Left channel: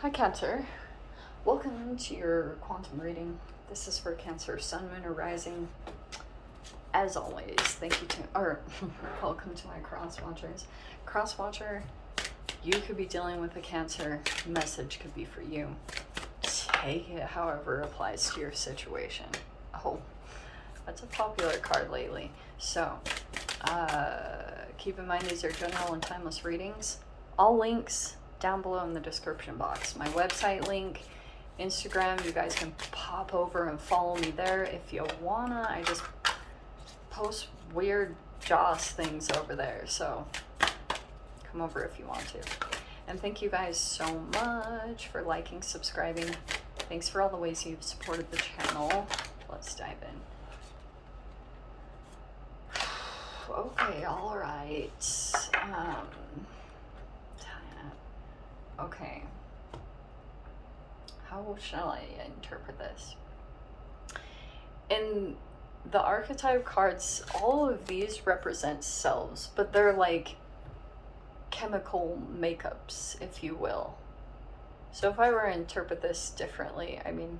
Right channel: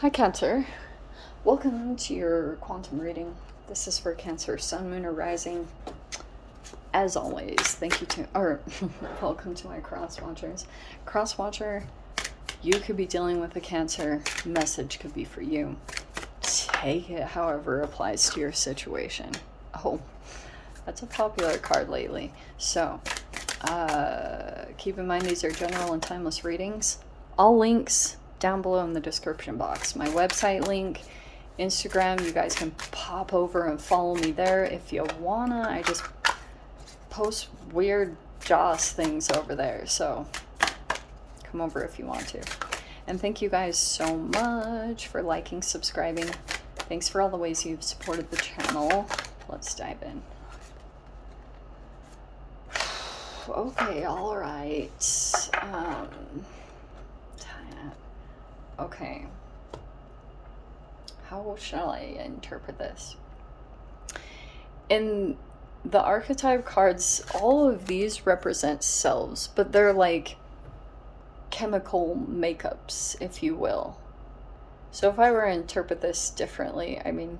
Hi Cancer, welcome to your quantum reading. This is for Cancer, Sun, Moon, or Rising. As always, thank you to, welcome to my cross watchers. Cross watcher, you could be dealing with a Cancer, message could be for you. Take it however applies to your situation. Oh, that's a popular card lately. So, keep in mind these are general and timeless readings. All links down below in the description box. My website link, Instagram, you guys can pop over and follow me there if you wanna. I just post weird Joss things over there, so come over if you want to. And thank you guys so much for liking, subscribing. Thanks for all the ways you've supported the channel. Let's dive in. Okay, all right. Okay. How shall I interpret this? In the archetype cards, all of these represent selves, but they're like chemical makeups, if you will. So if I were to interpret this differently, I mean,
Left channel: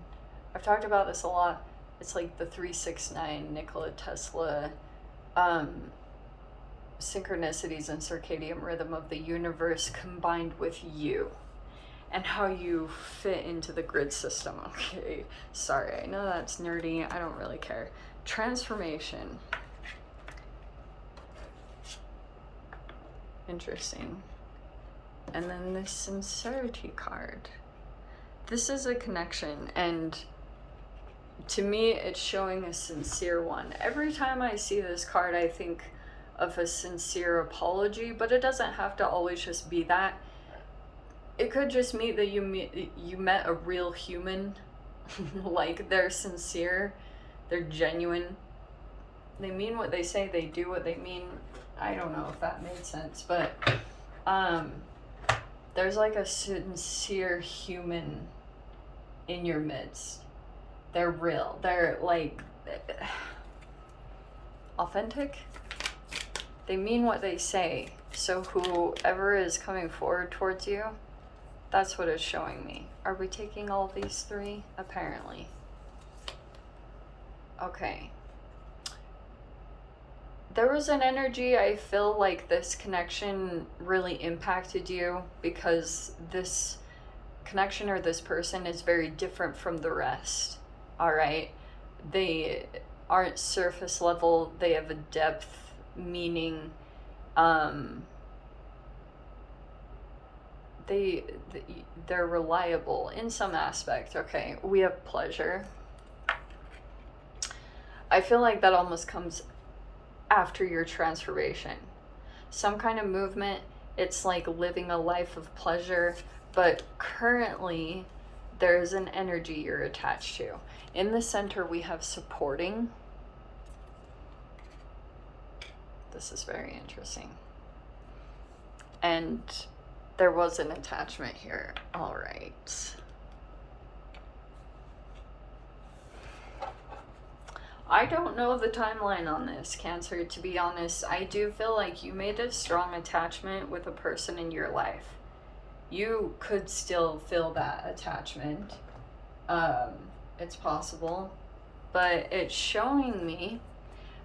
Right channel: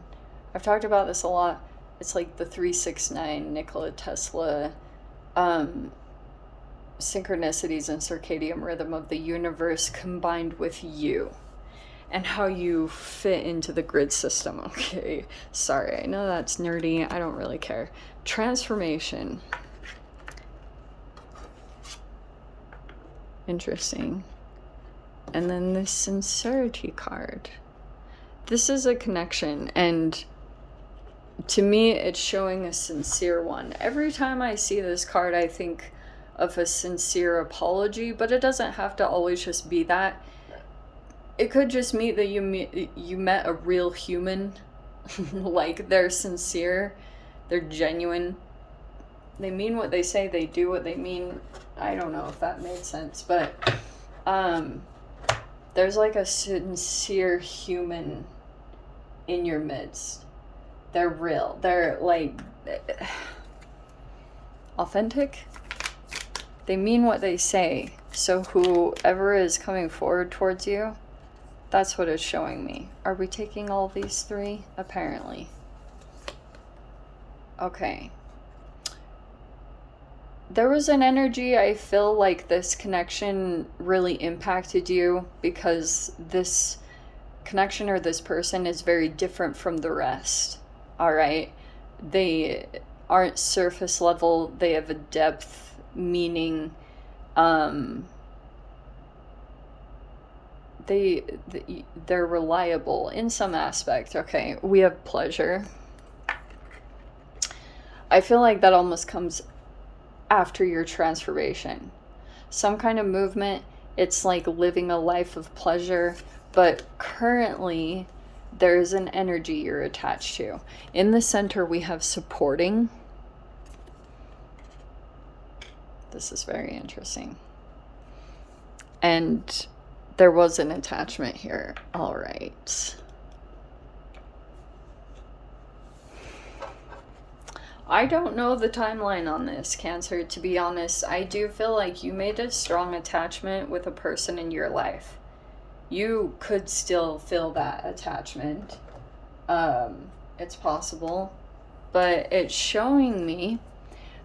I've talked about this a lot. It's like the 369 Nikola Tesla synchronicities and circadian rhythm of the universe combined with you and how you fit into the grid system. Okay, sorry, I know that's nerdy, I don't really care. Transformation. Interesting. And then this sincerity card. This is a connection, and to me it's showing a sincere one. Every time I see this card I think of a sincere apology, but it doesn't have to always just be that. It could just mean that you met a real human. Like, they're sincere, they're genuine, they mean what they say, they do what they mean. I don't know if that made sense, but there's like a sincere human in your midst. They're real, they're like authentic. They mean what they say. So whoever is coming forward towards you, that's what it's showing me. Are we taking all these three? Apparently. Okay. There was an energy, I feel like this connection really impacted you because this connection or this person is very different from the rest. All right. They aren't surface level. They have a depth, meaning they're reliable in some aspect. Okay, we have pleasure. I feel like that almost comes after your transformation. Some kind of movement. It's like living a life of pleasure, but currently there's an energy you're attached to. In the center we have supporting. This is very interesting. And there was an attachment here. All right. I don't know the timeline on this, Cancer, to be honest. I do feel like you made a strong attachment with a person in your life. You could still feel that attachment. It's possible. But it's showing me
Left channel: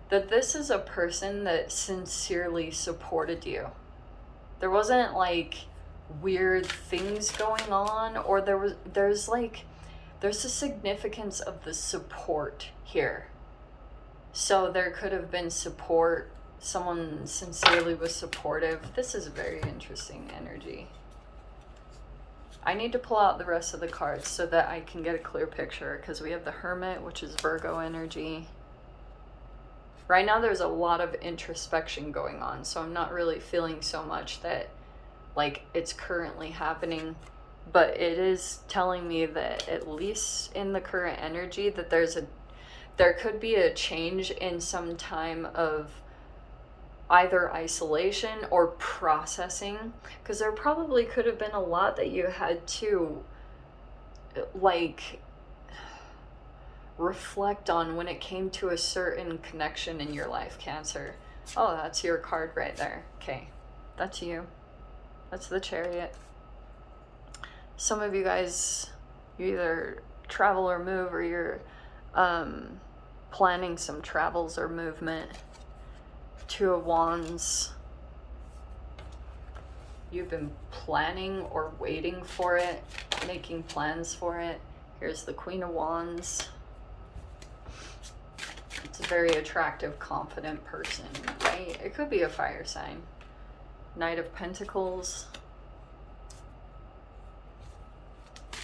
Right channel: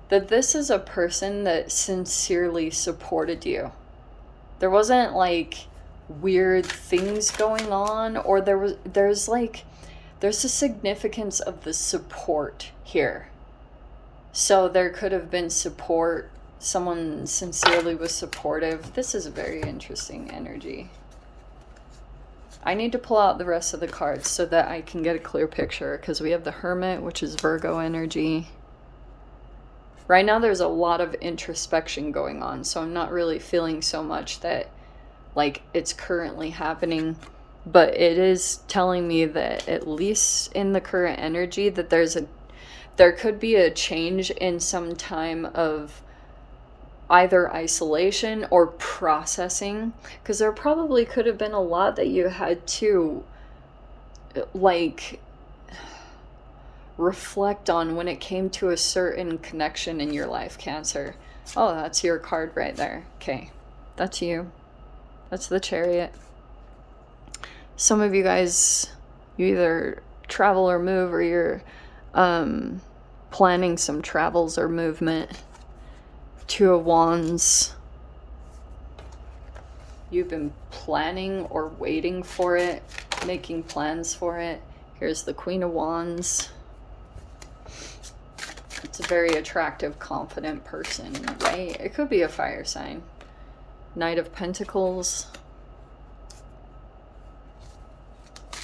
that this is a person that sincerely supported you. There wasn't like weird things going on, or there's a significance of the support here. So there could have been support, someone sincerely was supportive. This is a very interesting energy. I need to pull out the rest of the cards so that I can get a clear picture, because we have the Hermit, which is Virgo energy. Right now there's a lot of introspection going on, so I'm not really feeling so much that like it's currently happening, but it is telling me that at least in the current energy that there could be a change in some time of either isolation or processing, because there probably could have been a lot that you had to like reflect on when it came to a certain connection in your life, Cancer. Oh, that's your card right there. Okay, that's you. That's the Chariot. some of you guys, you either travel or move, or you're planning some travels or movement. Two of Wands. You've been planning or waiting for it, making plans for it. Here's the Queen of Wands. It's a very attractive, confident person, right? It could be a fire sign. Knight of Pentacles.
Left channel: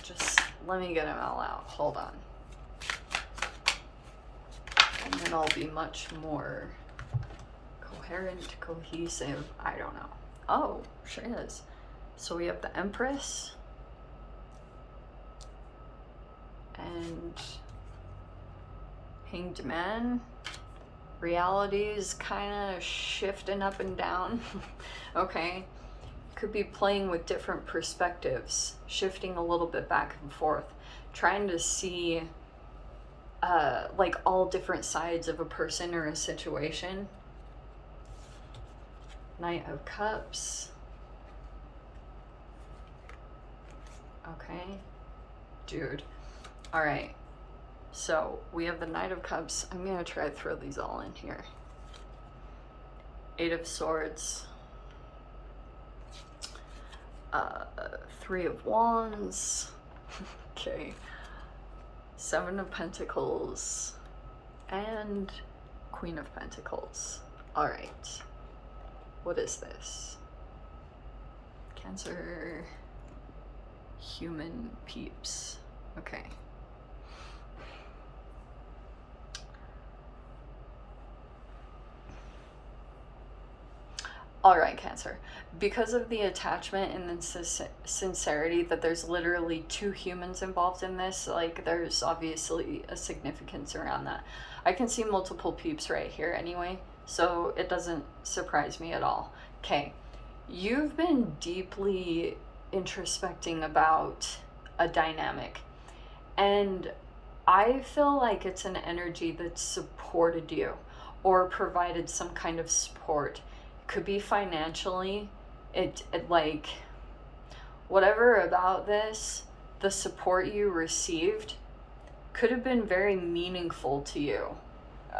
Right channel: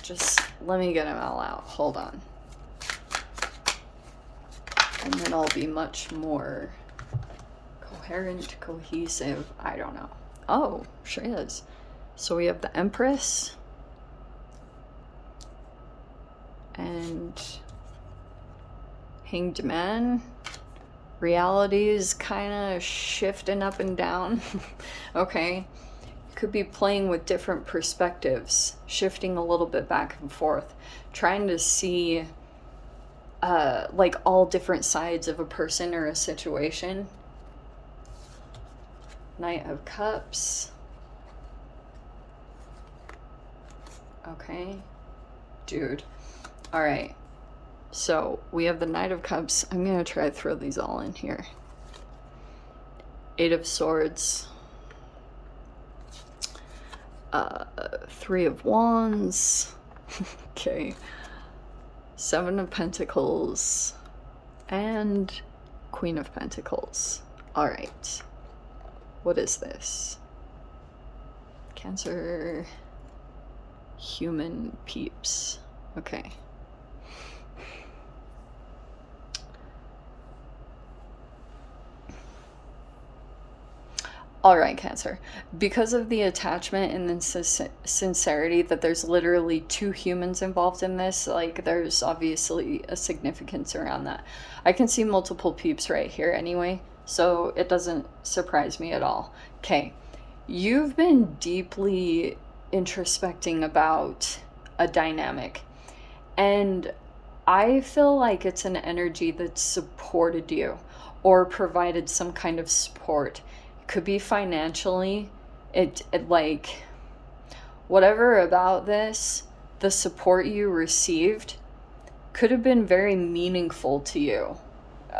Just let me get them all out. Hold on. And then I'll be much more coherent, cohesive. I don't know. Oh, sure is. So we have the Empress. And Hanged Man. Reality is kind of shifting up and down. Okay. You could be playing with different perspectives, shifting a little bit back and forth, trying to see like all different sides of a person or a situation. Knight of Cups. Okay. Dude. All right. So we have the Knight of Cups. I'm going to try to throw these all in here. Eight of Swords. Three of Wands. Okay. Seven of Pentacles. And Queen of Pentacles. All right. What is this? Cancer. Human peeps. Okay. All right, Cancer. Because of the attachment and the sincerity that there's literally two humans involved in this, like there's obviously a significance around that. I can see multiple peeps right here anyway, so it doesn't surprise me at all. Okay, you've been deeply introspecting about a dynamic, and I feel like it's an energy that supported you or provided some kind of support. Could be financially, it like whatever about this, the support you received could have been very meaningful to you.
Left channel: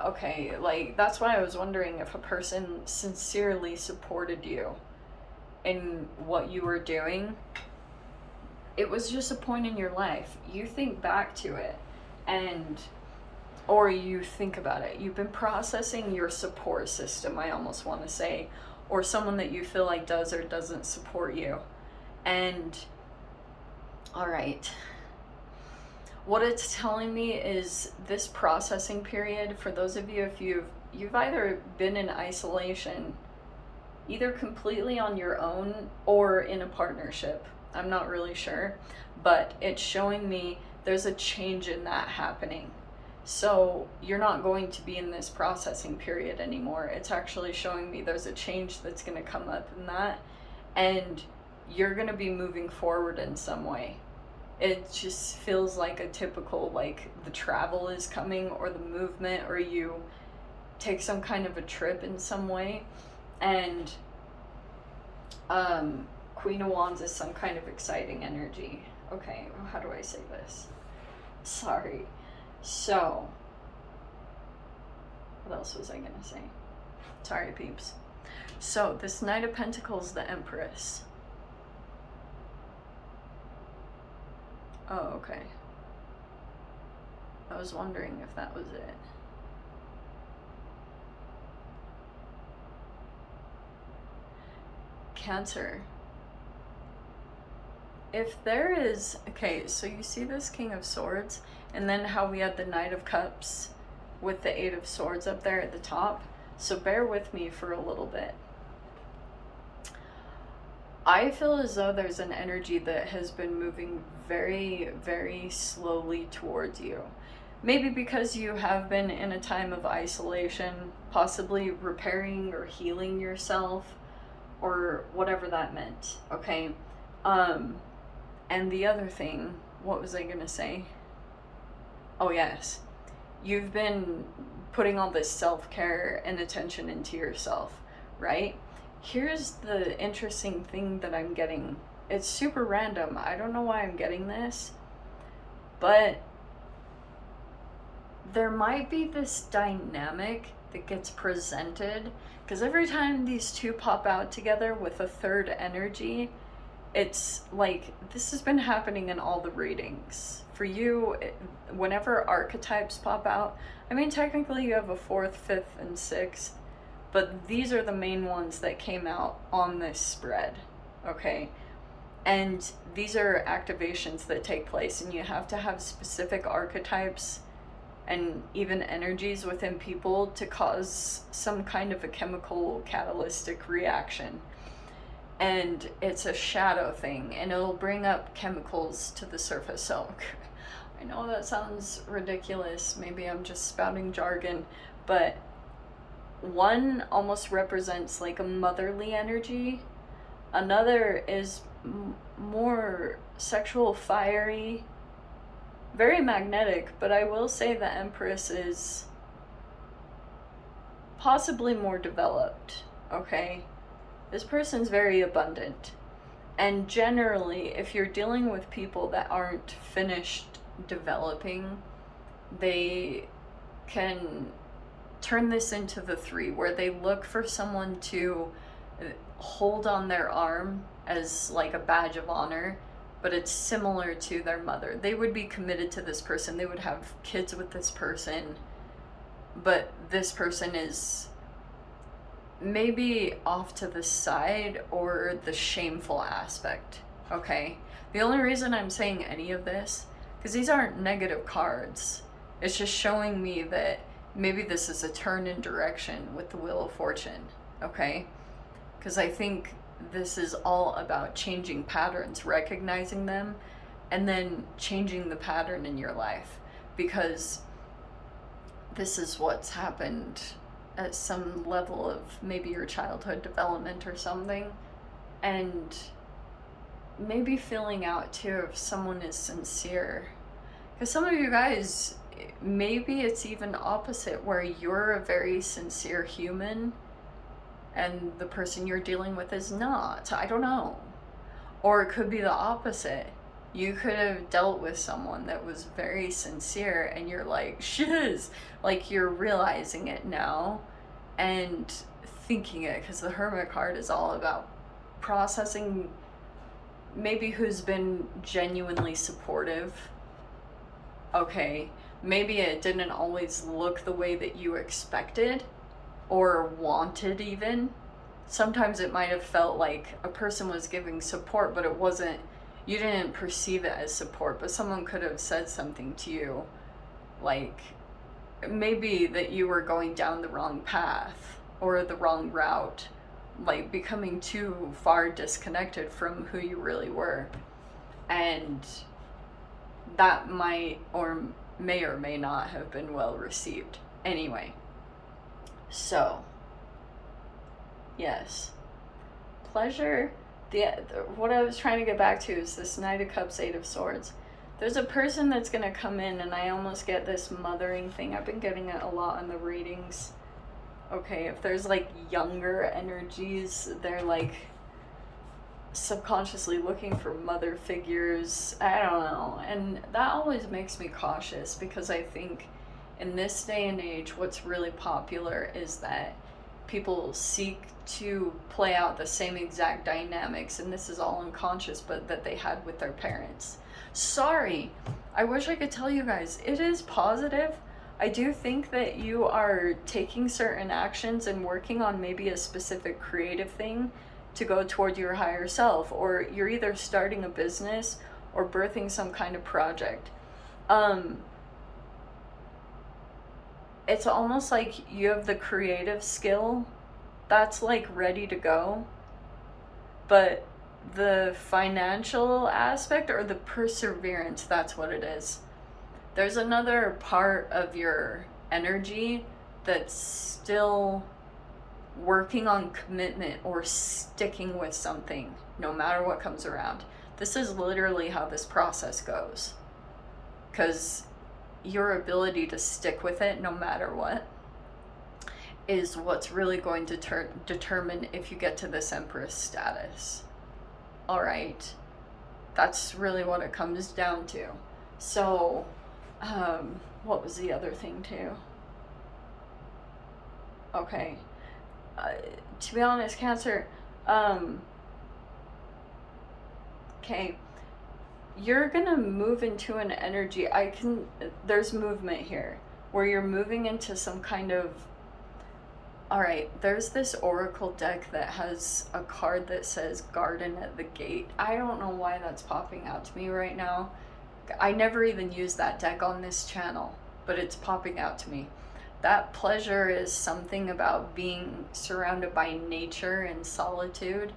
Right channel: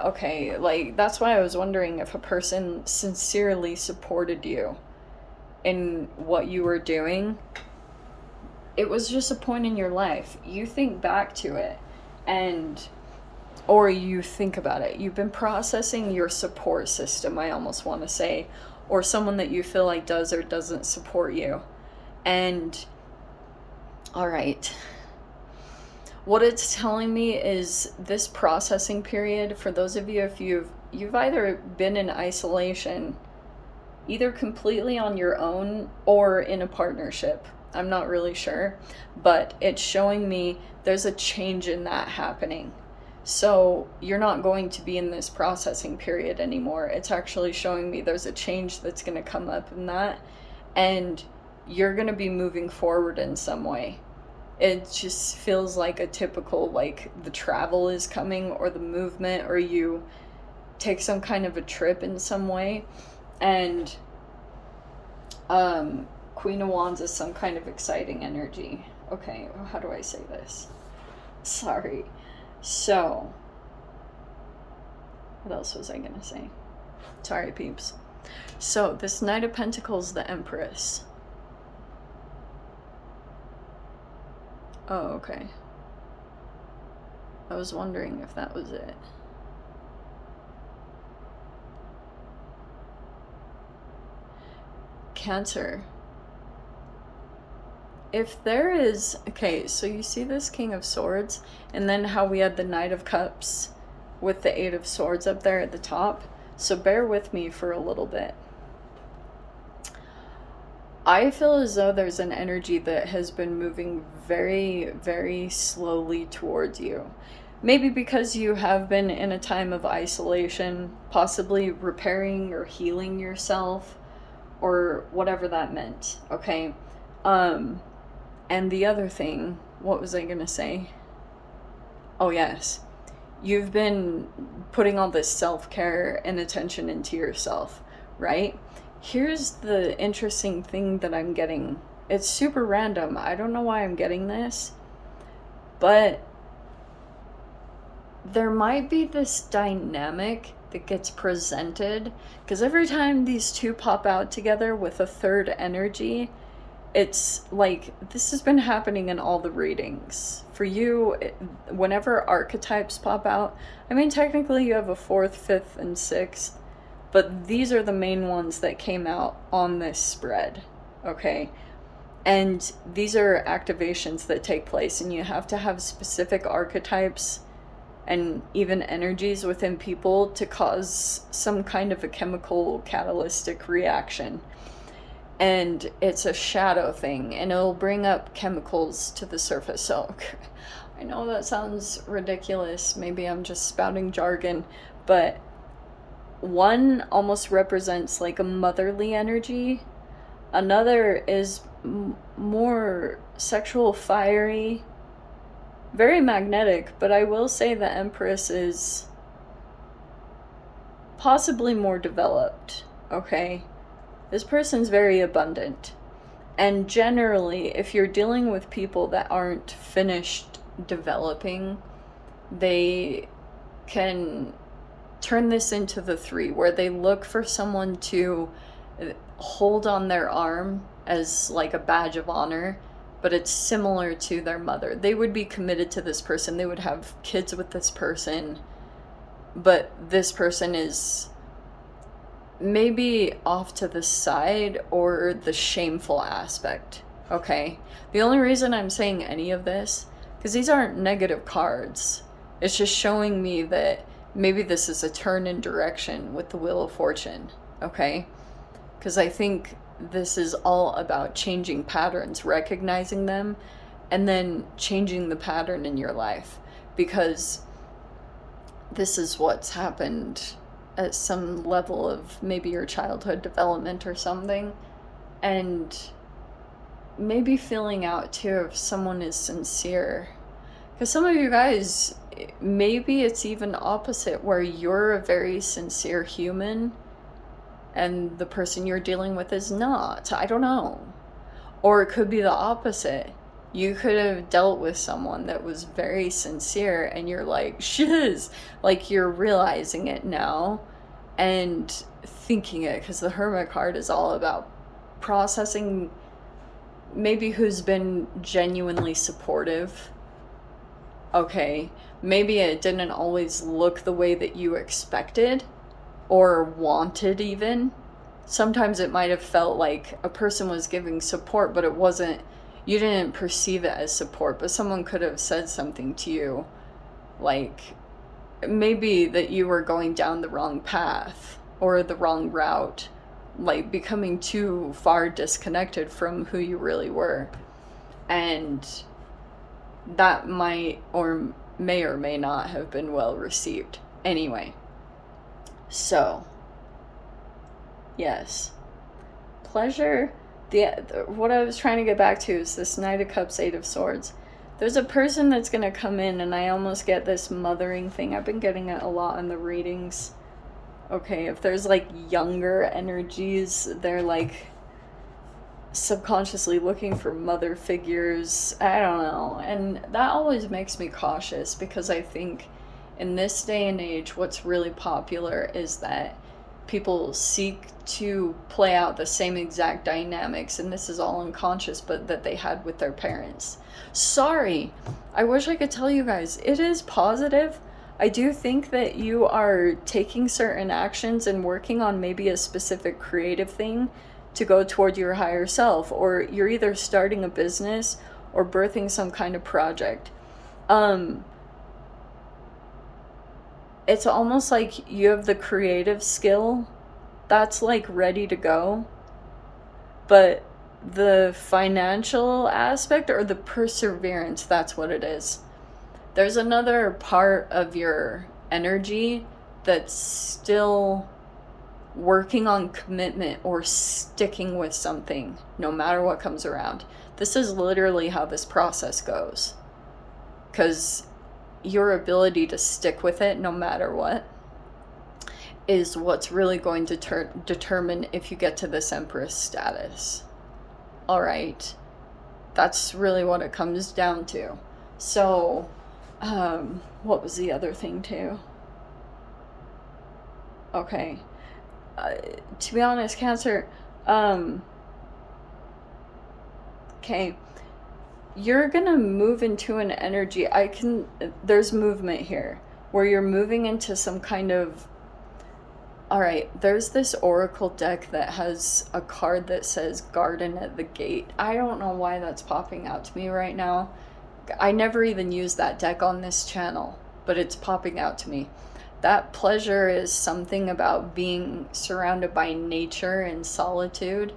Okay, like that's why I was wondering if a person sincerely supported you in what you were doing. It was just a point in your life. You think back to it, and or you think about it. You've been processing your support system, I almost want to say, or someone that you feel like does or doesn't support you. And all right, what it's telling me is this processing period, for those of you, if you've either been in isolation, either completely on your own or in a partnership. I'm not really sure, but it's showing me there's a change in that happening. So you're not going to be in this processing period anymore. It's actually showing me there's a change that's going to come up in that, and you're going to be moving forward in some way. It just feels like a typical, like the travel is coming, or the movement, or you take some kind of a trip in some way. And Queen of Wands is some kind of exciting energy. Okay, how do I say this? Sorry. So, what else was I gonna say? Sorry, peeps. So, this Knight of Pentacles, the Empress. Oh, okay. I was wondering if that was it. Cancer. If there is, okay, so you see this King of Swords, and then how we had the Knight of Cups with the Eight of Swords up there at the top. So bear with me for a little bit. I feel as though there's an energy that has been moving very, very slowly towards you. Maybe because you have been in a time of isolation, possibly repairing or healing yourself, or whatever that meant, okay? And the other thing, what was I gonna say? Oh yes, you've been putting all this self-care and attention into yourself, right? Here's the interesting thing that I'm getting it's super random. I don't know why I'm getting this, but there might be this dynamic that gets presented, because every time these two pop out together with a third energy, it's like this has been happening in all the readings. For you, whenever archetypes pop out, I mean, technically you have a fourth, fifth, and sixth, but these are the main ones that came out on this spread, okay? And these are activations that take place, and you have to have specific archetypes and even energies within people to cause some kind of a chemical catalytic reaction. And it's a shadow thing, and it'll bring up chemicals to the surface. So I know that sounds ridiculous. Maybe I'm just spouting jargon, but one almost represents like a motherly energy. Another is more sexual, fiery, very magnetic, but I will say the Empress is possibly more developed, okay? This person's very abundant. And generally, if you're dealing with people that aren't finished developing, they can turn this into the 3, where they look for someone to hold on their arm as like a badge of honor, but it's similar to their mother. They would be committed to this person. They would have kids with this person, but this person is maybe off to the side or the shameful aspect, okay? The only reason I'm saying any of this, because these aren't negative cards, it's just showing me that maybe this is a turn in direction with the Wheel of Fortune, okay? Because I think this is all about changing patterns, recognizing them, and then changing the pattern in your life, because this is what's happened at some level of maybe your childhood development or something, and maybe feeling out too if someone is sincere. Because some of you guys, maybe it's even opposite, where you're a very sincere human and the person you're dealing with is not. I don't know. Or it could be the opposite. You could have dealt with someone that was very sincere and you're like, shiz, like you're realizing it now and thinking it, because the Hermit card is all about processing maybe who's been genuinely supportive. Okay, maybe it didn't always look the way that you expected or wanted even. Sometimes it might have felt like a person was giving support, but it wasn't, you didn't perceive it as support, but someone could have said something to you, like maybe that you were going down the wrong path or the wrong route, like becoming too far disconnected from who you really were. And that might or may not have been well received. Anyway, so yes, pleasure. What I was trying to get back to is this Knight of Cups, 8 of Swords. There's a person that's going to come in, and I almost get this mothering thing. I've been getting it a lot in the readings. Okay, if there's like younger energies, they're like subconsciously looking for mother figures. I don't know. And that always makes me cautious, because I think in this day and age, what's really popular is that people seek to play out the same exact dynamics, and this is all unconscious, but that they had with their parents. Sorry, I wish I could tell you guys, it is positive. I do think that you are taking certain actions and working on maybe a specific creative thing to go toward your higher self, or you're either starting a business or birthing some kind of project. It's almost like you have the creative skill that's like ready to go, but the financial aspect or the perseverance, that's what it is. There's another part of your energy that's still working on commitment or sticking with something no matter what comes around. This is literally how this process goes, because your ability to stick with it no matter what is what's really going to determine if you get to this Empress status. All right. That's really what it comes down to. So, what was the other thing too? Okay. To be honest, Cancer, um, okay, you're gonna move into an energy. There's movement here where you're moving into some kind of. Alright, there's this oracle deck that has a card that says Garden at the Gate. I don't know why that's popping out to me right now. I never even used that deck on this channel, but it's popping out to me. That pleasure is something about being surrounded by nature and solitude.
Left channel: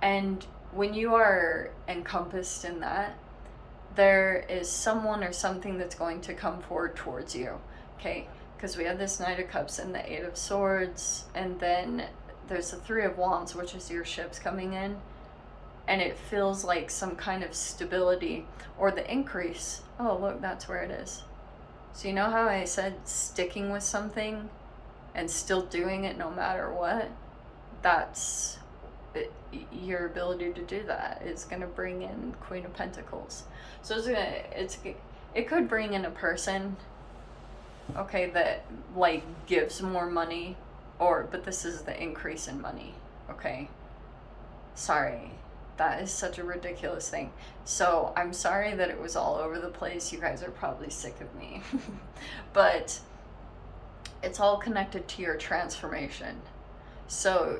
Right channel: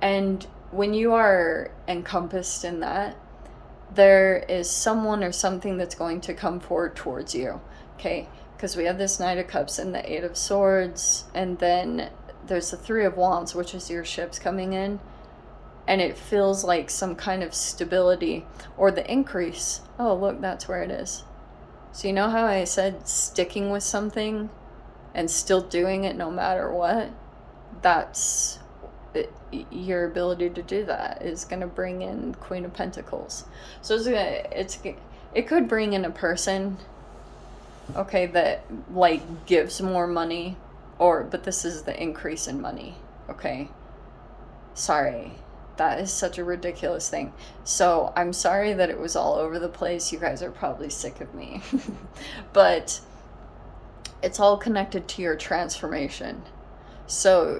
And when you are encompassed in that, there is someone or something that's going to come forward towards you. Okay, because we have this Knight of Cups and the Eight of Swords, and then there's the Three of Wands, which is your ships coming in, and it feels like some kind of stability or the increase. Oh, look, that's where it is. So you know how I said sticking with something and still doing it no matter what? That's it, your ability to do that is going to bring in Queen of Pentacles. So it could bring in a person, okay, that like gives more money, but this is the increase in money, okay? Sorry, that is such a ridiculous thing. So I'm sorry that it was all over the place. You guys are probably sick of me. But it's all connected to your transformation. So,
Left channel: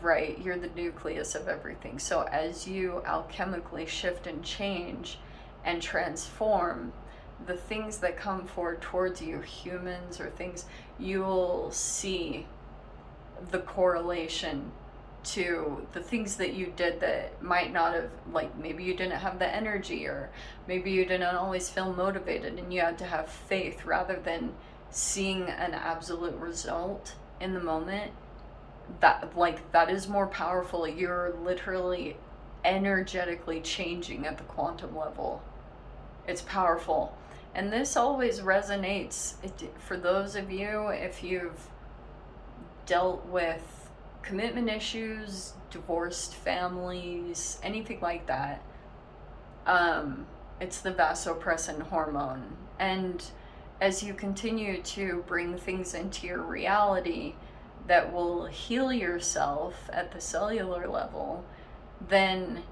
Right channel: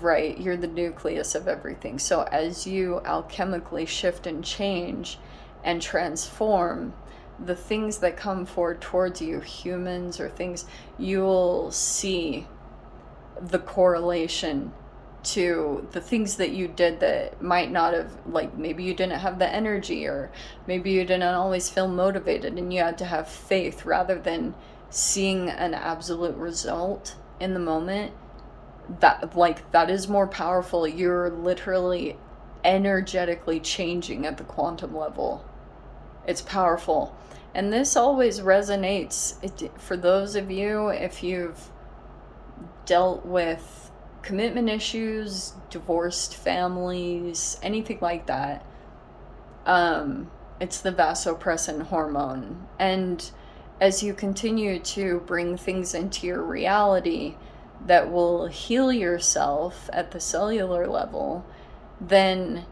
right, you're the nucleus of everything. So as you alchemically shift and change and transform, the things that come forward towards you, humans or things, you'll see the correlation to the things that you did that might not have, like maybe you didn't have the energy, or maybe you didn't always feel motivated and you had to have faith rather than seeing an absolute result in the moment. That is more powerful. You're literally energetically changing at the quantum level. It's powerful. And this always resonates for those of you, if you've dealt with commitment issues, divorced families, anything like that. It's the vasopressin hormone. And as you continue to bring things into your reality that will heal yourself at the cellular level, then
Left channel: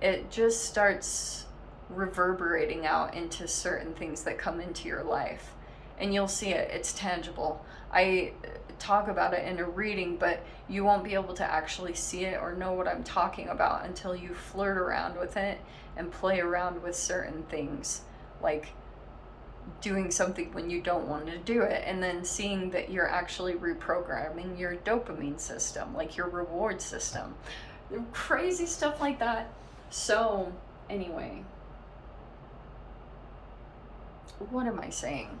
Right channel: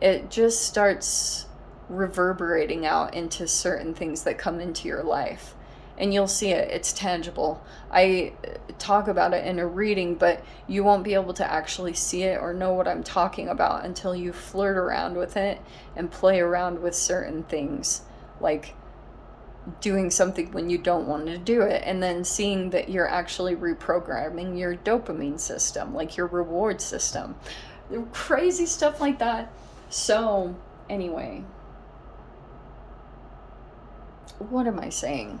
it just starts reverberating out into certain things that come into your life. And you'll see it. It's tangible. I talk about it in a reading, but you won't be able to actually see it or know what I'm talking about until you flirt around with it and play around with certain things, like doing something when you don't want to do it, and then seeing that you're actually reprogramming your dopamine system, like your reward system. Crazy stuff like that. So, anyway, what am I saying?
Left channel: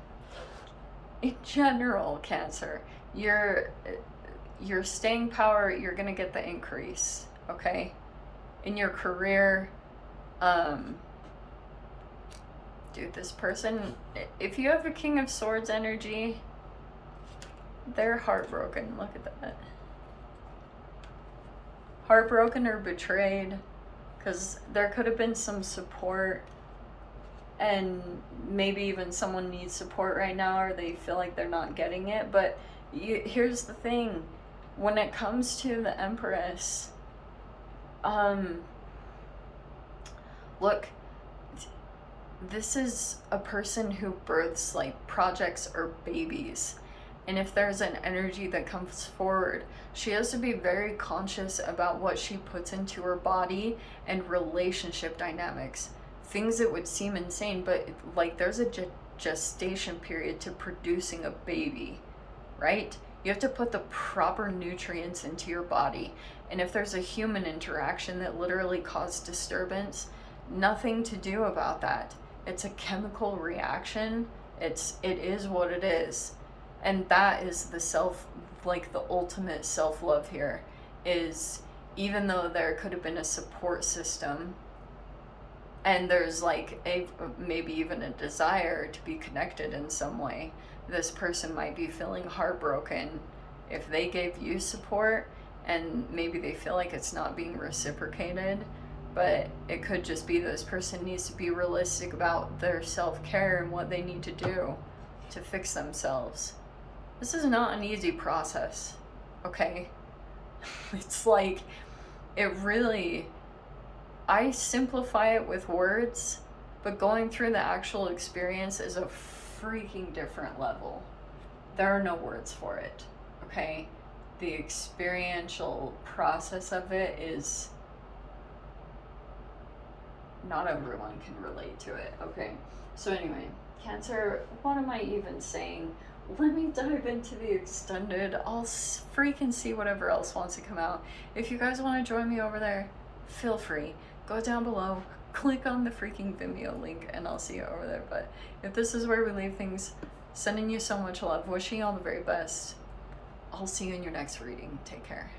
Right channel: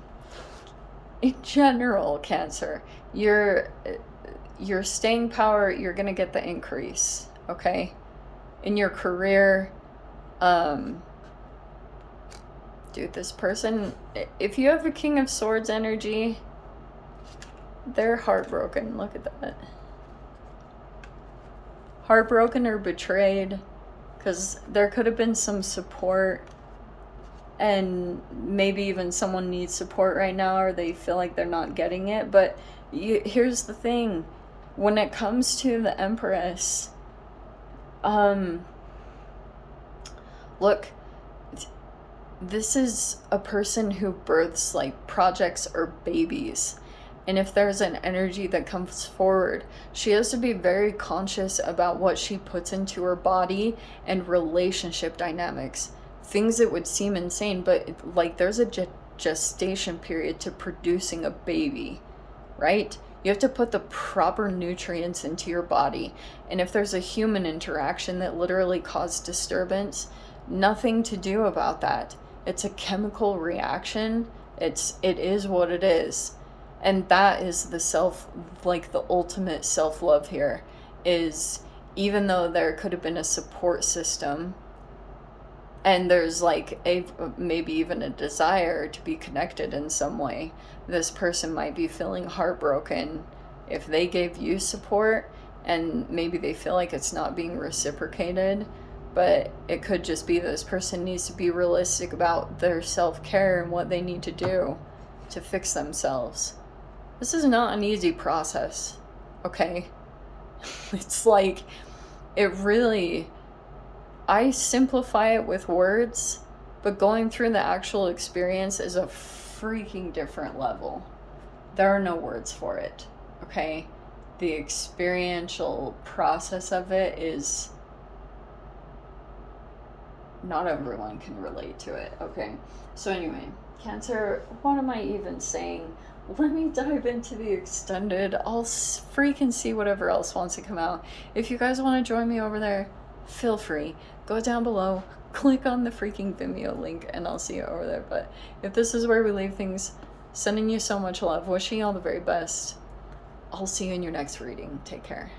In general, Cancer, your staying power, you're gonna get the increase, okay? In your career, dude, this person, if you have a King of Swords energy, they're heartbroken. Look at that. Heartbroken or betrayed, because there could have been some support, and maybe even someone needs support right now, or they feel like they're not getting it. But here's the thing, when it comes to the Empress, look, this is a person who births like projects or babies. And if there's an energy that comes forward, she has to be very conscious about what she puts into her body and relationship dynamics. Things that would seem insane, but like there's a gestation period to producing a baby, right? You have to put the proper nutrients into your body. And if there's a human interaction that literally caused disturbance, nothing to do about that. It's a chemical reaction. It is what it is. And that is the the ultimate self-love here, is even though there could have been a support system, and there's like maybe even a desire to be connected in some way, this person might be feeling heartbroken if they gave you support and maybe they feel like it's not being reciprocated. but it could just be this person needs to be realistic about their self-care and what they need to do to fix themselves. This is not an easy process, okay? It's like, it really, I simplify it with words, but going through the actual experience is a freaking different level. There are no words for it, okay? The experiential process of it is, not everyone can relate to it, okay? So anyway, Cancer, what am I even saying? Let me dive into the extended. I'll freaking see whatever else wants to come out. If you guys want to join me over there, feel free. Go down below, click on the freaking Vimeo link, and I'll see you over there. But if this is where we leave things, sending you so much love, wishing you all the very best. I'll see you in your next reading. Take care.